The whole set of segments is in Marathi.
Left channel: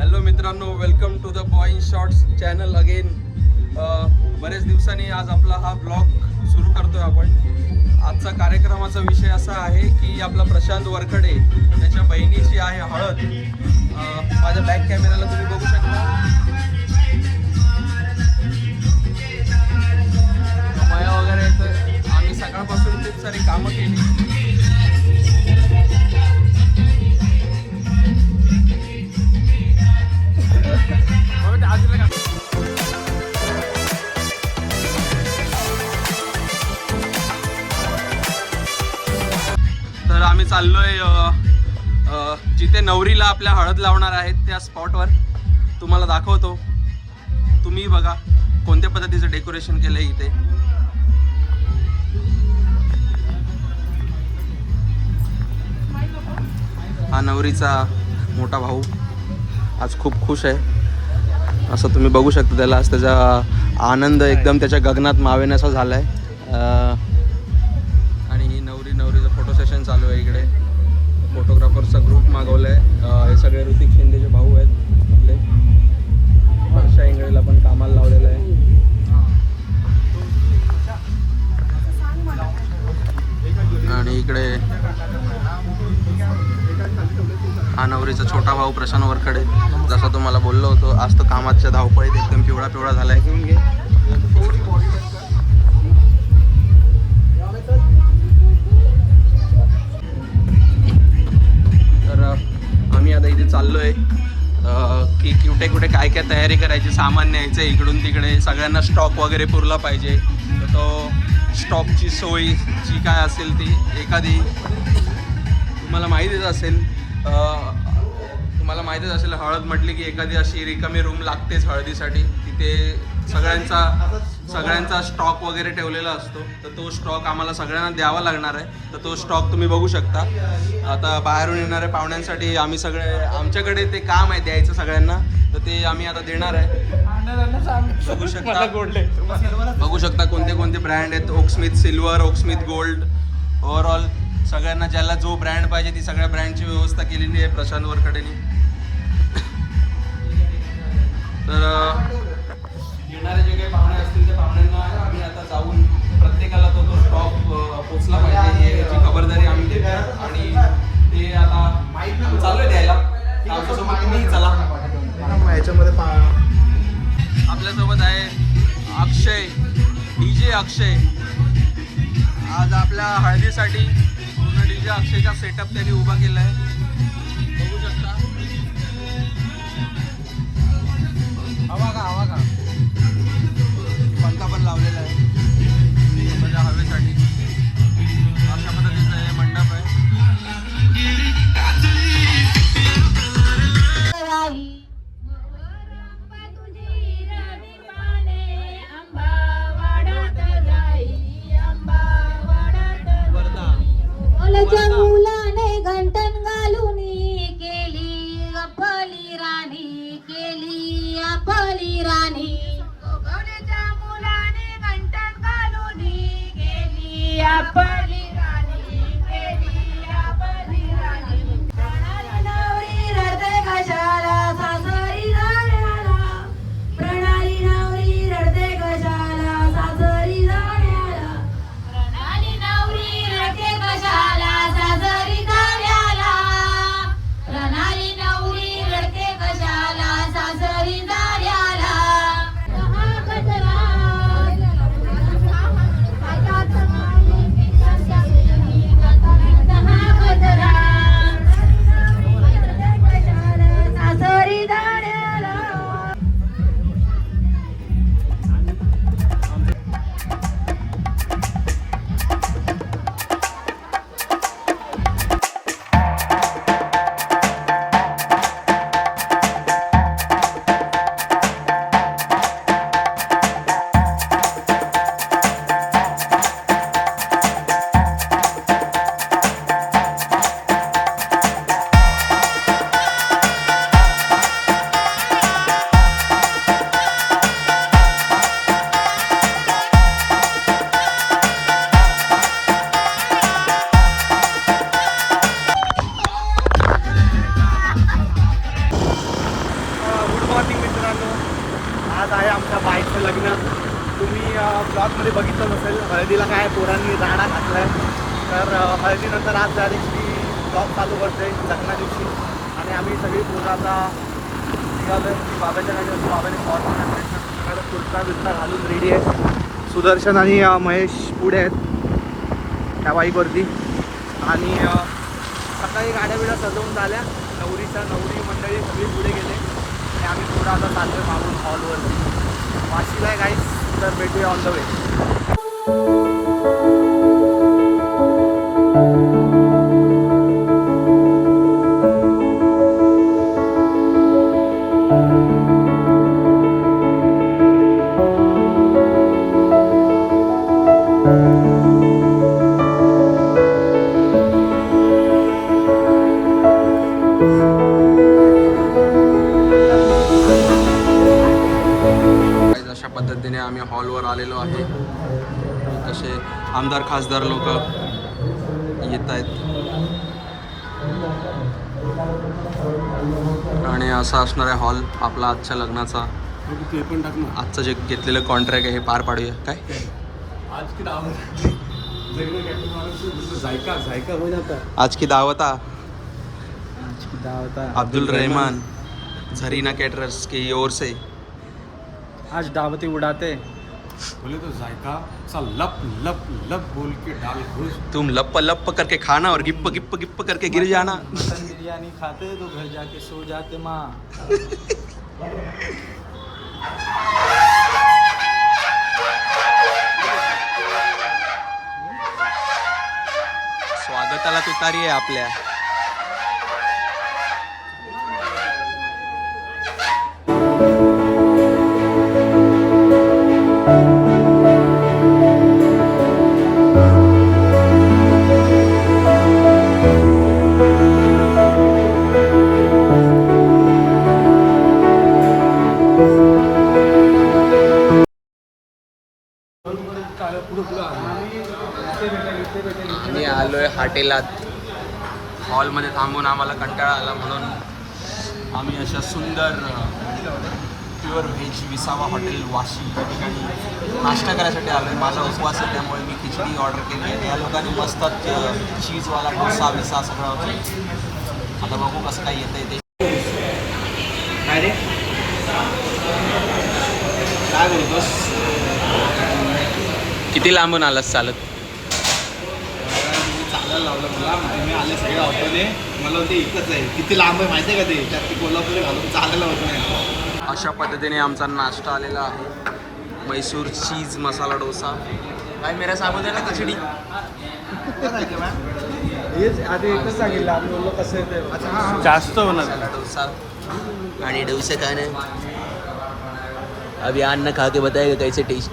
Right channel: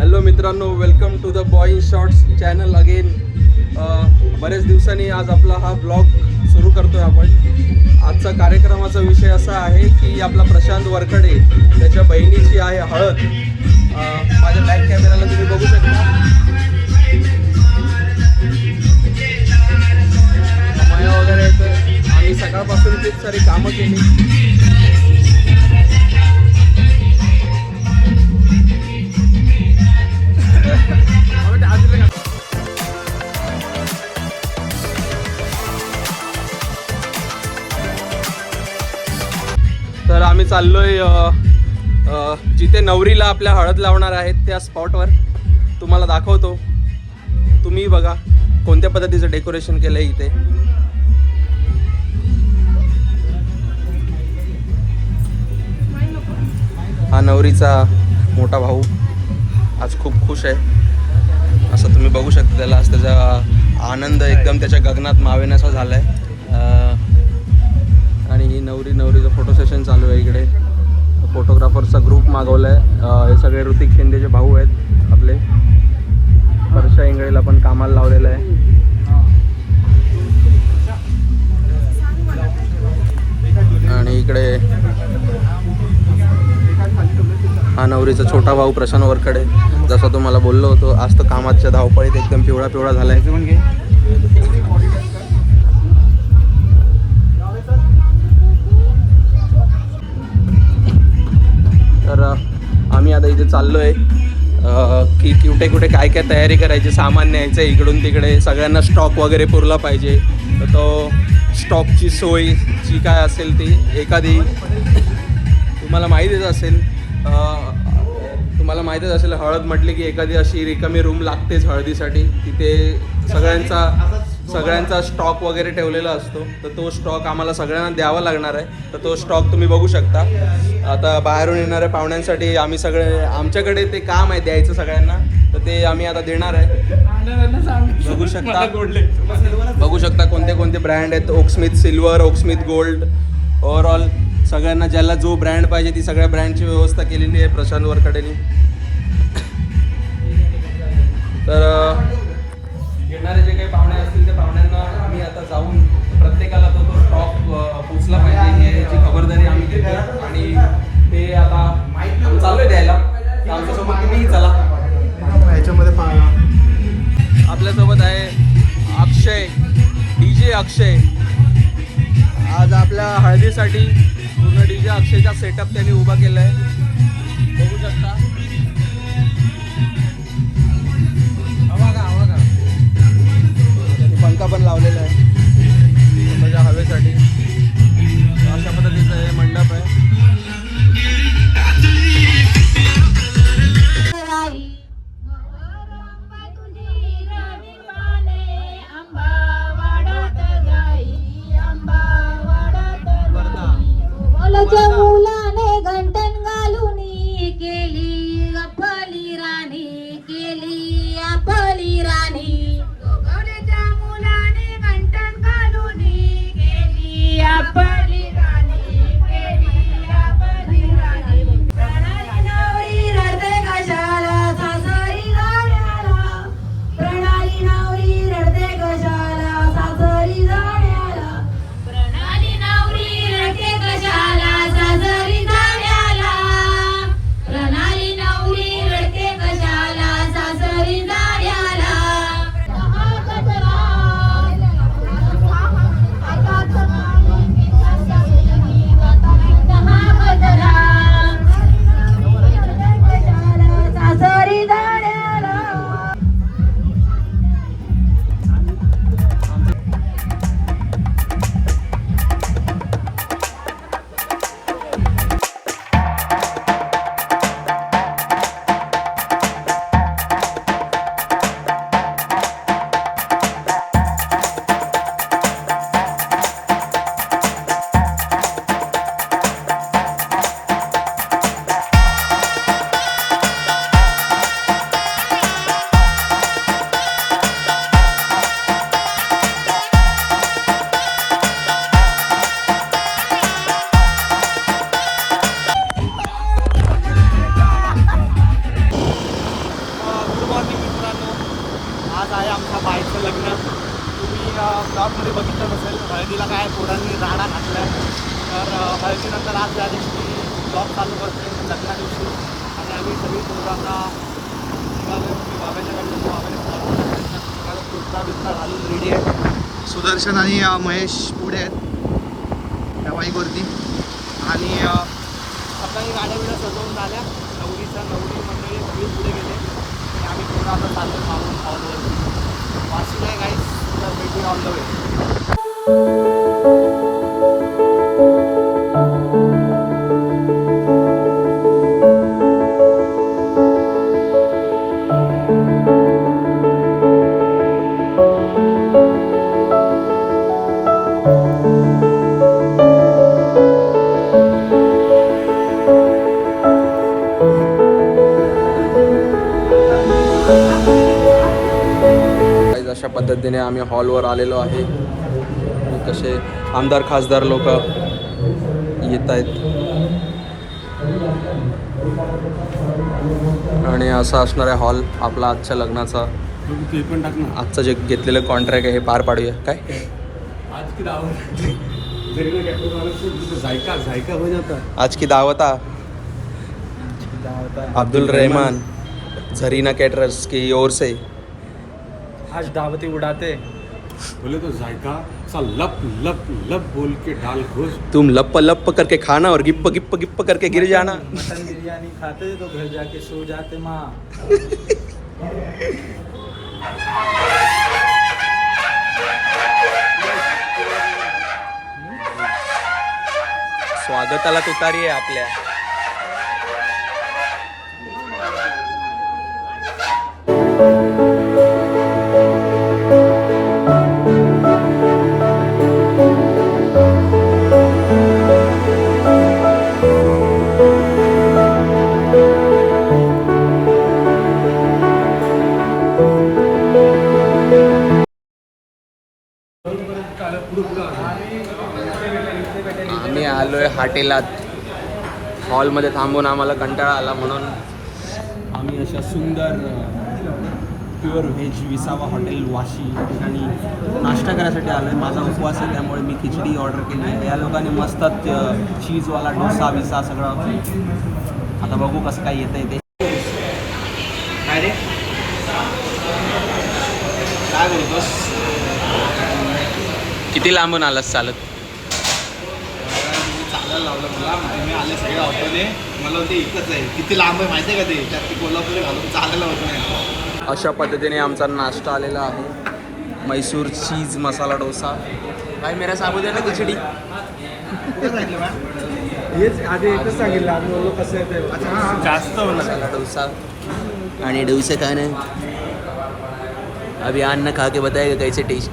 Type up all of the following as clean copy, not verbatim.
हॅलो मित्रांनो, welcome to the boy in shorts channel again. बरेच दिवसांनी आज आपला हा ब्लॉग सुरू करतोय आपण. आजचा कार्यक्रमाचा विषय असा आहे की आपला प्रशांत वरखडे त्याच्या बहिणीची आहे हळद. माझ्या बॅक कॅमेराला तुम्ही बघू शकता. माया वगैरे येतोय. आम्ही सकाळपासून खूप सारी कामं केली. तर आम्ही चाललोय जिथे नवरीला आपल्या हळद लावणार आहेत त्या स्पॉटवर. तुम्हाला दाखवतो, तुम्ही बघा कोणत्या पद्धतीचं डेकोरेशन केलंय इथे. हा नवरीचा मोठा भाऊ आज खूप खुश आहे, असं तुम्ही बघू शकता. त्याला आज त्याचा आनंद एकदम त्याच्या गगनात मावेनासा झालाय. आणि ही नवरीचं फोटो सेशन चालू आहे इकडे. फोटोग्राफरचा ग्रुप मागवलाय. हे सगळे ऋतिक शिंदेचे भाऊ आहेत आपले. वर्षा इंगळेला पण कामाला लावलेलं आहे. आणि इकडे हा नवरीचा छोटा भाऊ प्रशांत वरखडे. जसं तुम्हाला बोललो होतो, आज तो कामाच्या धावपळीत एकदम पिवळा झालाय. तर आम्ही आता इथे चाललोय की कुठे काय तयारी करायची, सामान न्यायचं इकडून तिकडे. सगळ्यांना स्टॉक वगैरे पुरला पाहिजे. तर तो स्टॉकची सोय जी काय असेल ती एखादी तुम्हाला माहितीच असेल हळद म्हटली की एखादी अशी रिकामी रूम लागतेच हळदीसाठी. तिथे सगळ्यांचा स्टॉक वगैरे ठेवलेला असतो. तर तो स्टॉक आम्हाला सगळ्यांना द्यावा लागणार आहे. तर तो स्टॉक तुम्ही बघू शकता. आता बाहेरून येणाऱ्या पाहुण्यांसाठी आमच्याकडे ते काम आहे द्यायचं सगळ्यांना. तर ते आम्ही आता देणार आहे. बघू शकता कोणते ब्रँड आहेत. ओकस्मिथ सिल्वर, ओकस्मिथ गोल्ड. ओव्हरऑल सगळ्यांना ज्याला जो ब्रँड पाहिजे ती सगळ्या ब्रँडची व्यवस्था केलेली आहे प्रशांत वरखडेंनी. तर येणारे जे काही पाहुणे असतील त्या पाहुण्यांना आम्ही आता जाऊन प्रत्येकाला तो स्टॉक पोचला पाहिजे याची खबरदारी आम्ही घेतो. आणि ते आता आम्ही चाललोय द्यायला. आमच्यासोबत तुम्ही चला. ह्याच्यामध्ये आपल्यासोबत आहे अक्षय, DJ अक्षय. आज आपल्या हळदीसाठी पूर्ण DJ अक्षयचा सेटअप त्यांनी उभा केला आहे. बघू शकता. पंखा पण लावलेला आहे स्वतःच्या हवेसाठी. अशा पद्धतीचं हे मंडप आहे. मुलाने घंटन घालून केली आपली राणी, केली आपली राणी. मुलाने घंटन घालून केली आपली राणी, केली आपली राणी. प्रणाली नवरी रडते कशाला सासरी जाण्याला, प्रणाली नवरी रडते कशाला सासरी जाण्याला, प्रणाली नवरी रडते कशाला सासरी जाण्याला, प्रणाली नवरी रडते कशाला सासरी जाण्याला. मित्रांनो, आज आहे आमच्या बाईकचं लग्न. तुम्ही ब्लॉगमध्ये बघितलं नसेल, हळदीला काय पोरांनी राडा घातला आहे. तर हळदीनंतर आज त्या दिवशी ब्लॉग चालू करते लग्ना दिवशी. आणि आम्ही सगळी पोरं आता निघालो की बाबाच्या गाडीवर. बाबाने फॉर्म टाकले, कुर्ता बिर्ता घालून रेडी आहे. सुदर्शन आणि महेश पुढे आहेत त्या बाईकवरती. आणि सकाळी गाड्या बिड्या सजवून झाल्या. नवरी मंडळी सगळी पुढे गेले आणि आम्ही पोरं आता चाललो मागून हॉलवरती. वाशीला आहे गाईस, तर भेटूया ऑन द वे. अशा पद्धतीने आम्ही हॉलवर आलेलो आहे. कसे आमदार खासदार लोक येत आहेत आणि असा असणार आहे हॉल आपला आजच्या लग्नाचा. आजचं जे घेतलेलं कॉन्ट्रॅक्ट आहे हे पार पाडूया. काय आज की दावत अब्दुल रहमान झरीना कैटरर्स की ओर से आज दावती उड़ाते बोले तो जायका सा लप लप लप बोल के डाल घुस. तुम लप लप करके खाना और गिप्प गिप्प गिप्प करके गिर जाना. बिरयानी खाते तो घर जाके सो जाते माँ. स्वागताला तुतारी आहे आपल्या. हॉटेलात हॉलमध्ये थांबून आम्हाला कंटाळा आला म्हणून आम्ही अशा सुंदर प्युअर व्हेज विसावा हॉटेल वाशी या ठिकाणी नाश्ता करायसाठी आलो आहे. माझा उपवास आहे त्यामुळे मी खिचडी ऑर्डर केली आहे. या लोकांनी मस्त चीजवाला डोसा विसा सगळं. आता बघू कसं काय येतं आहे ते. काय रे काय बोलतोस? किती लांबून आलास चालत? चालायला लावलं मला. मी आले सगळे ऑटोने. मला होते इथंच आहे. किती लांब आहे माहिती आहे का ते? त्यात ती कोल्हापूर घालून चालायला होत नाही. अशा पद्धतीने आमचा नाश्ता आलेला आहे. मैसूर चीज मसाला डोसा. काय मेरा साबुदाणा खिचडी जास्त मसाला डोसा आणि डोसा खाणं. अभी अन्न खा के बताएगा कैसे टेस्ट.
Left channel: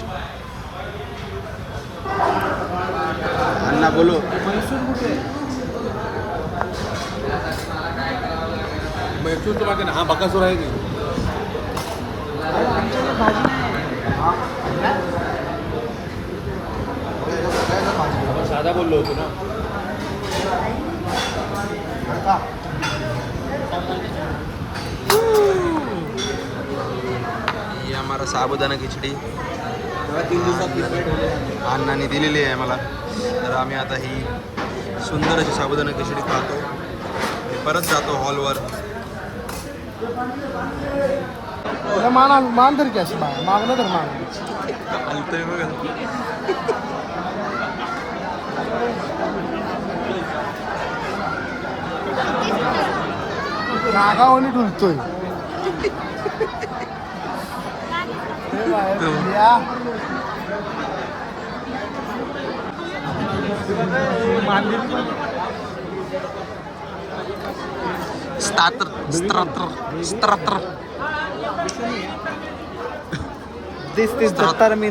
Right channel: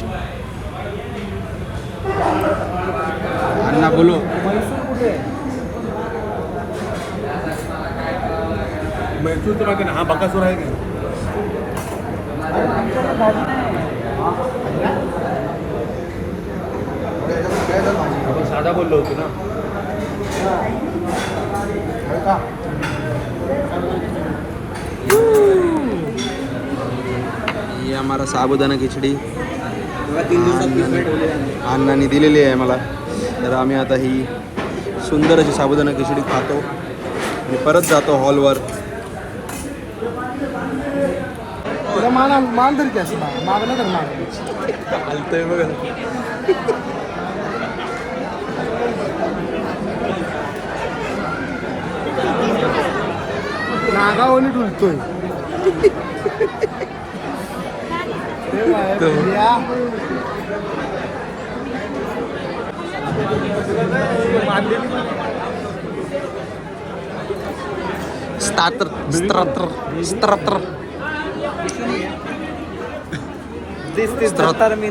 अण्णा बोलो. मैसूर तो माहिती ना. हा बकासूर आहे की आपण साधा बोललो होतो ना. ये हमारा साबुदाणा खिचडी अण्णांनी दिलेली आहे मला. तर आम्ही आता ही सुंदर अशी साबुदाणा खिचडी खातो आणि परत जातो हॉलवर. तुला मान तरी की अशी मागलं तर मागलं चालतंय बघा. नागावली डुलतोय.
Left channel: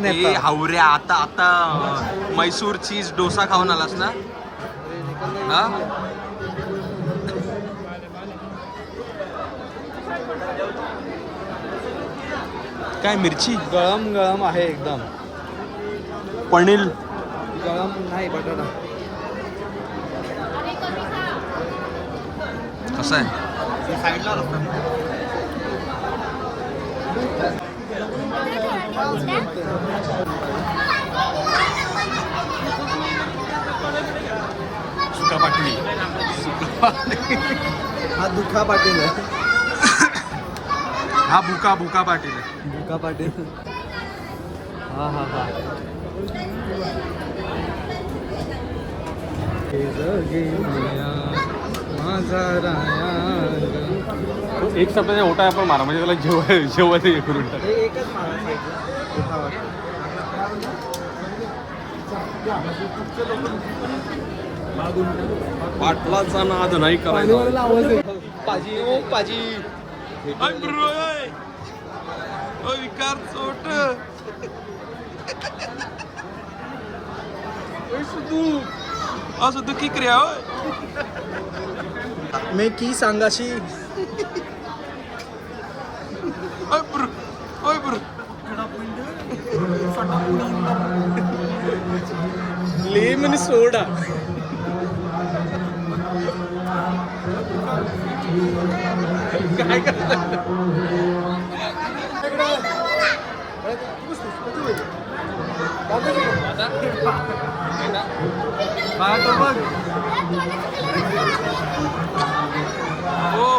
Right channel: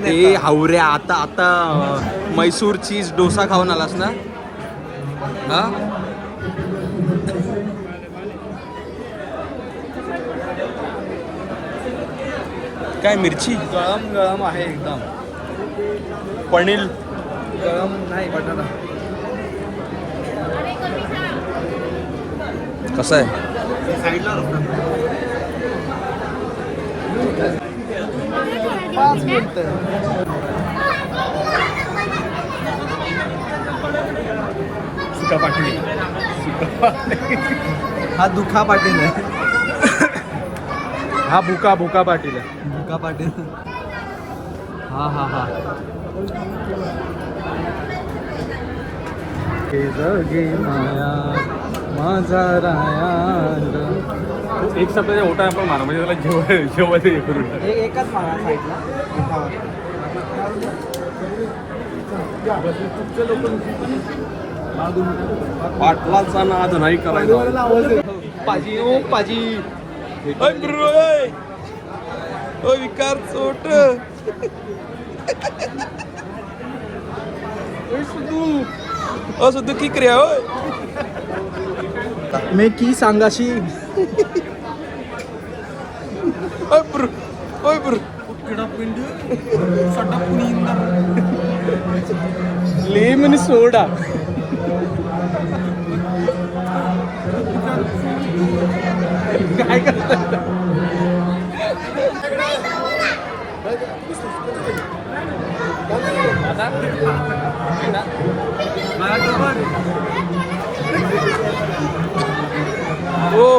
ए हावऱ्या आता मैसूर चीज डोसा खाऊन आलास ना? हा काय मिरची गरम गरम आहे एकदम. पनीर गरम नाही बटाटा. कसं आहे? सुका पाटली. हा दुखा पाटील आहे. हा भुका पाटील आहे. दुखा पाटील. हा हा हा. माझा राया. एक सप्ताह ओटा आपण मारा म्हणजे त्याला जेवण हे करून एकच मारा साईडला. पाटलाचा नाद नाही करायचा. विकार चोट असं दुखी क्रिया होय. मी की सांगाशी लेमन सोडा.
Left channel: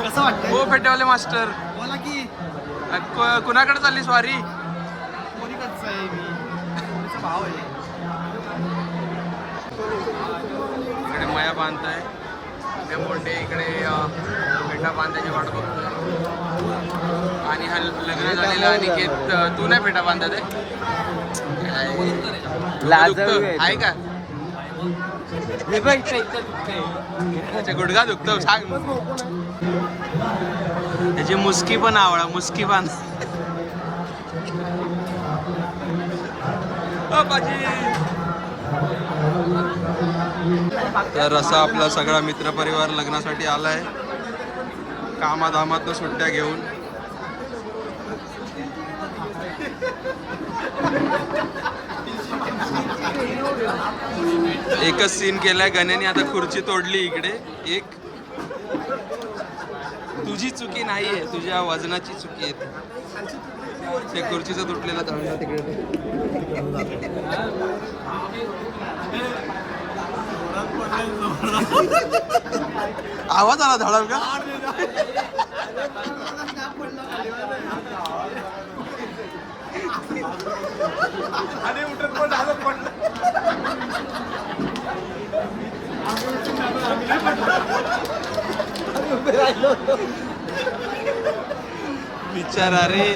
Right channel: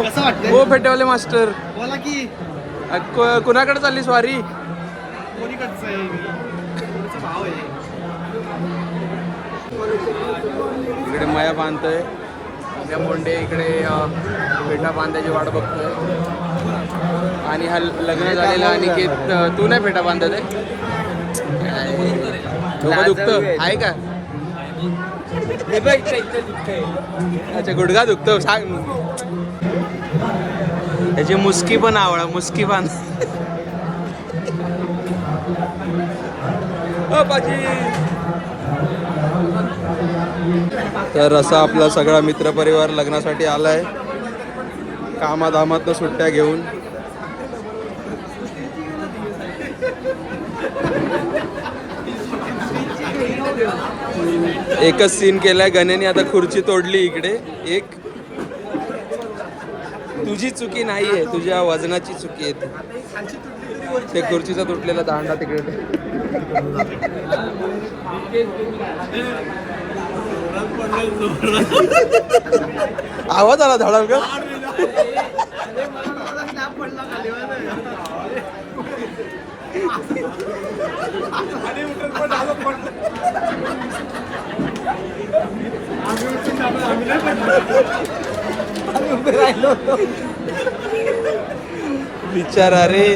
कसं वाटतंय? हो फेटेवाले मास्टर बोला की कुणाकडे चालली स्वारी? कोणी कसं आहे भाव आहे. इकडे मया बांधतोय त्या मोंडे इकडे फेटा बांधायची वाट बघतोय. आणि हा लग्न झालेला अनिकेत तू नाही फेटा बांधत आहे? डोकं दुखतं आहे का? अच्छा गुडघा दुखतो सांग. त्याची मुस्की पण आवडा मुस्की बांध. तर असा आपला सगळा मित्रपरिवार लग्नासाठी आलाय कामाधामातनं सुट्ट्या घेऊन. एकच सीन केलाय गण्याने आता खुर्ची तोडली इकडे एक. तुझी चुकी नाहीये तुझ्या वजनाची चुकी आहे ती. ते खुर्चीचा तुटलेला दांडा तिकडे. आवाज आला धडाल का? बिचारा रे.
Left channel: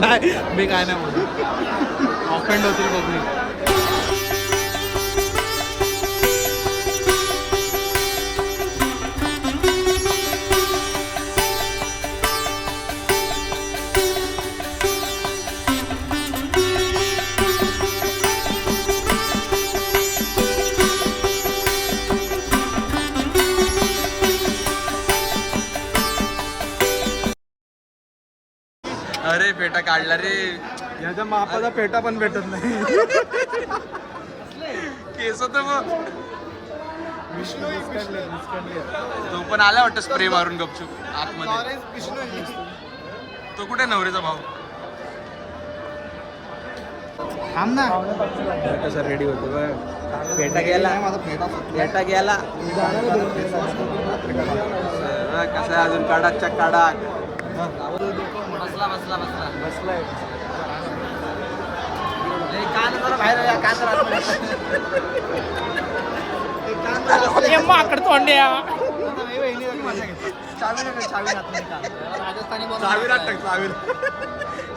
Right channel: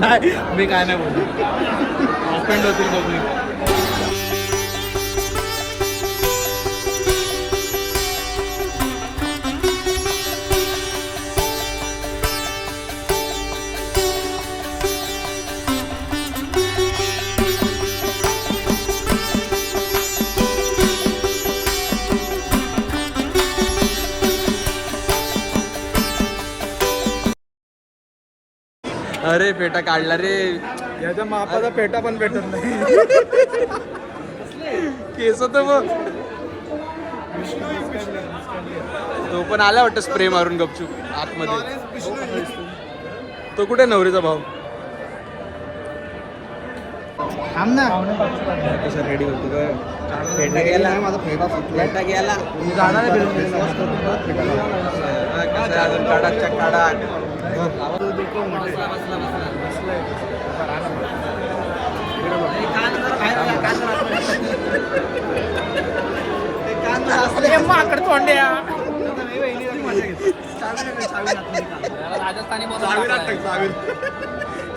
नाही मी काय नाही बोलू. ऑफेंड होतील बघू. अरे फेटा काढला रे. याच्या मापाचा पेटा पण भेटत नाही. केस तर बघ. तो पण आला वाटतं स्प्रे मारून गपचूप आतमध्ये. तो कुठे नवरीचा भाव? थांब ना. कसा रेडी होतो नाही माझा फेटा सुटला. फेटा गेला. फेस वॉश करून फेटा घालतो. कसं आहे अजून काढाच्या काढा.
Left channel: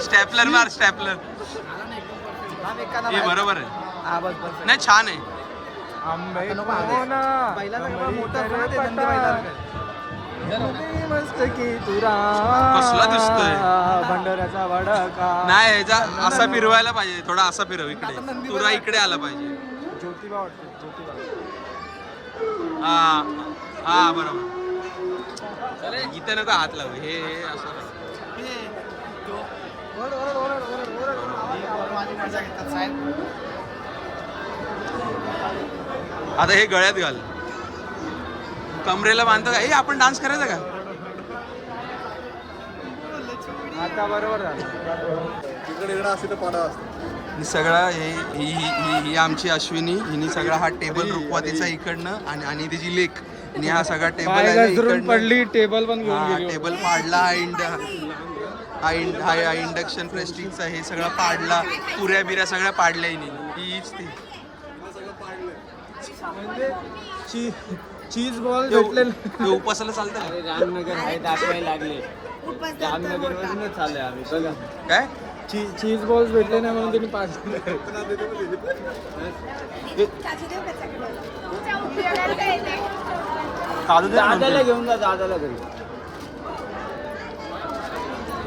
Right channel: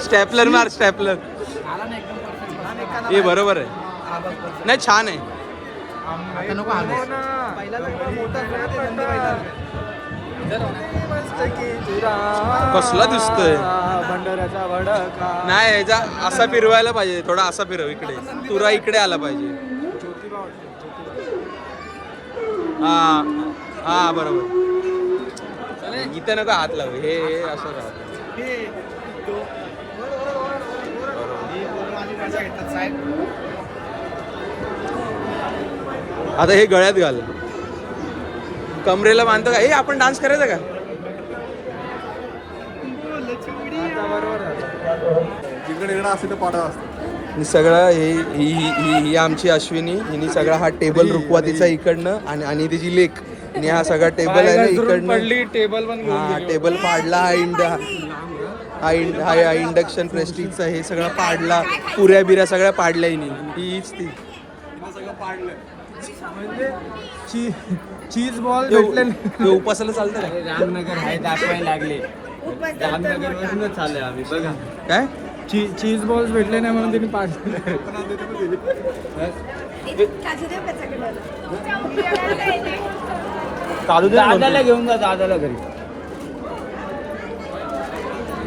स्टॅपलर मार स्टॅपलर. हे बरोबर आहे. नाही छान आहे. कसला दिसतोय भंडाऱ्याचा वडा. नाही ह्याचा असा फिरवायला पाहिजे. थोडा असा फिरव इकडे. तुरा इकडे आला पाहिजे. हा हा बरोबर. इथं नको हात लावू, हे असं राहू. मजा घेतात साहेब. आता हे गळ्यात घाल, कमरेला बांधतो का? हे आपण डान्स करायचा का? आणि सगळं ही आमची अश्विनी, हिने सगळा हा टेबल रुखवातीचा इकडनं आणि तिची लेक, आणि हा सगळा टेबल आहे ना इकडनं. टेबल पण हा टेबल पाडला, हा इंडक्शन प्रेस्टिजचा हे सगळं पाडला, पुऱ्या बिऱ्या सगळ्या पाडल्या हिने. हीच ती चीज बॉल हे उपासाला चालतं का? चालले आम्ही बघा काय चीज बॉल्स भेटले नाही म्हणून त्यांनी चालू दे ना दादाला घेऊन जा, दादाला घरी.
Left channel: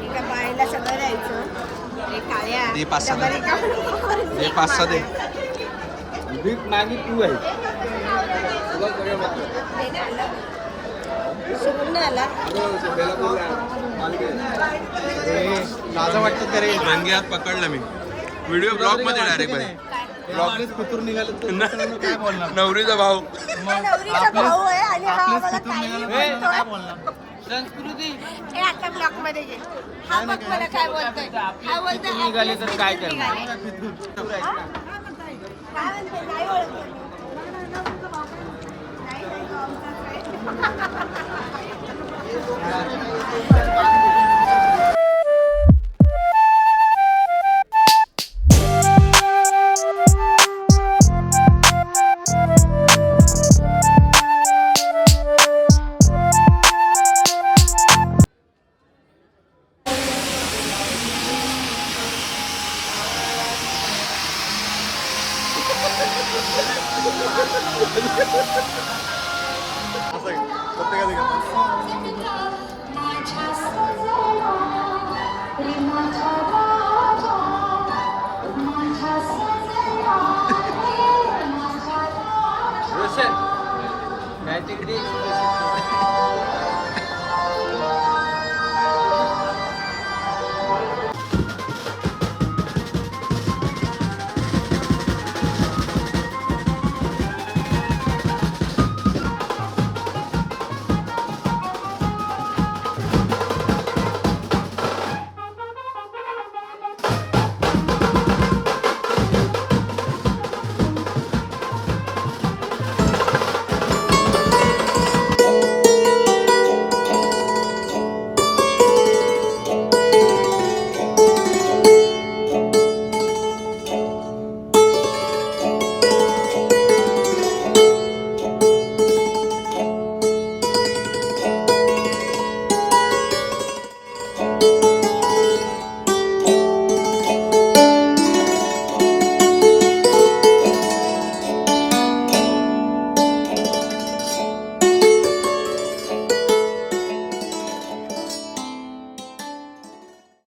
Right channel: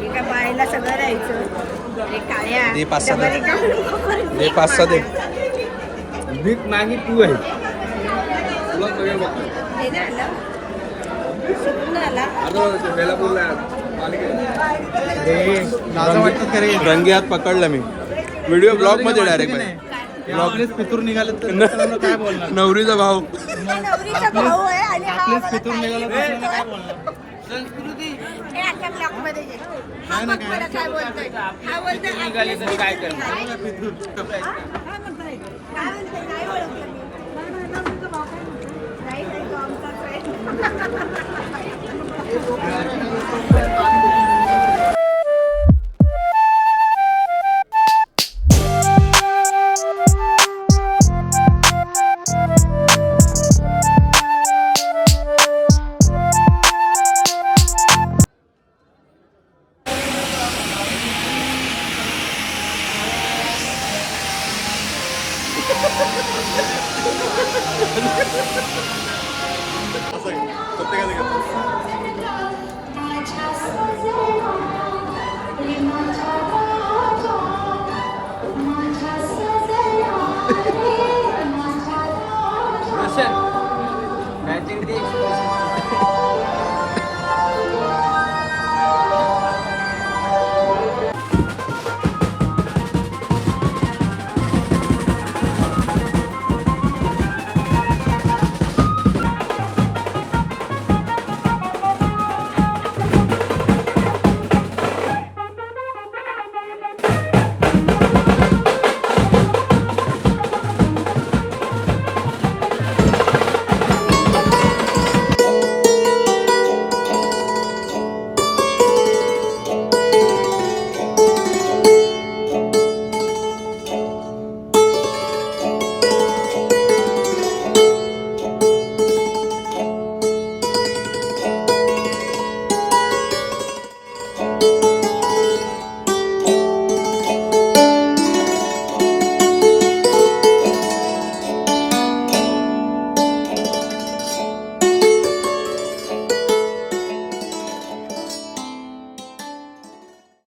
एका बाईला सगळं द्यायचं. हे काळ्या दे 5-6 दे. डबल दे 5-6 दे. भीक मागी तू आहे. रंगी हात पकडला मी व्हिडिओ ब्लॉग मध्ये डायरेक्ट बाई. आपलेच पितूर निघाले तर काय बोलणार? नवरीचा भाऊ. नवरीचा भाऊ आहे आणि हा आपलेच मला पितूर निघाला तर काय बोलणार? संस्कृती हे अख्ख्या ब्लॉकमध्ये घे. हा बघ बरं काय बोलतोय. हा बोलतोय निघाली तर काय करणार? हा म्हणतोय. काय म्हणतोय? नाही ओळखलं मी. नवरीचा भाऊ काय म्हणतोय? नाही तो आमचाच आहे. प्रत्येकाचे घेतात.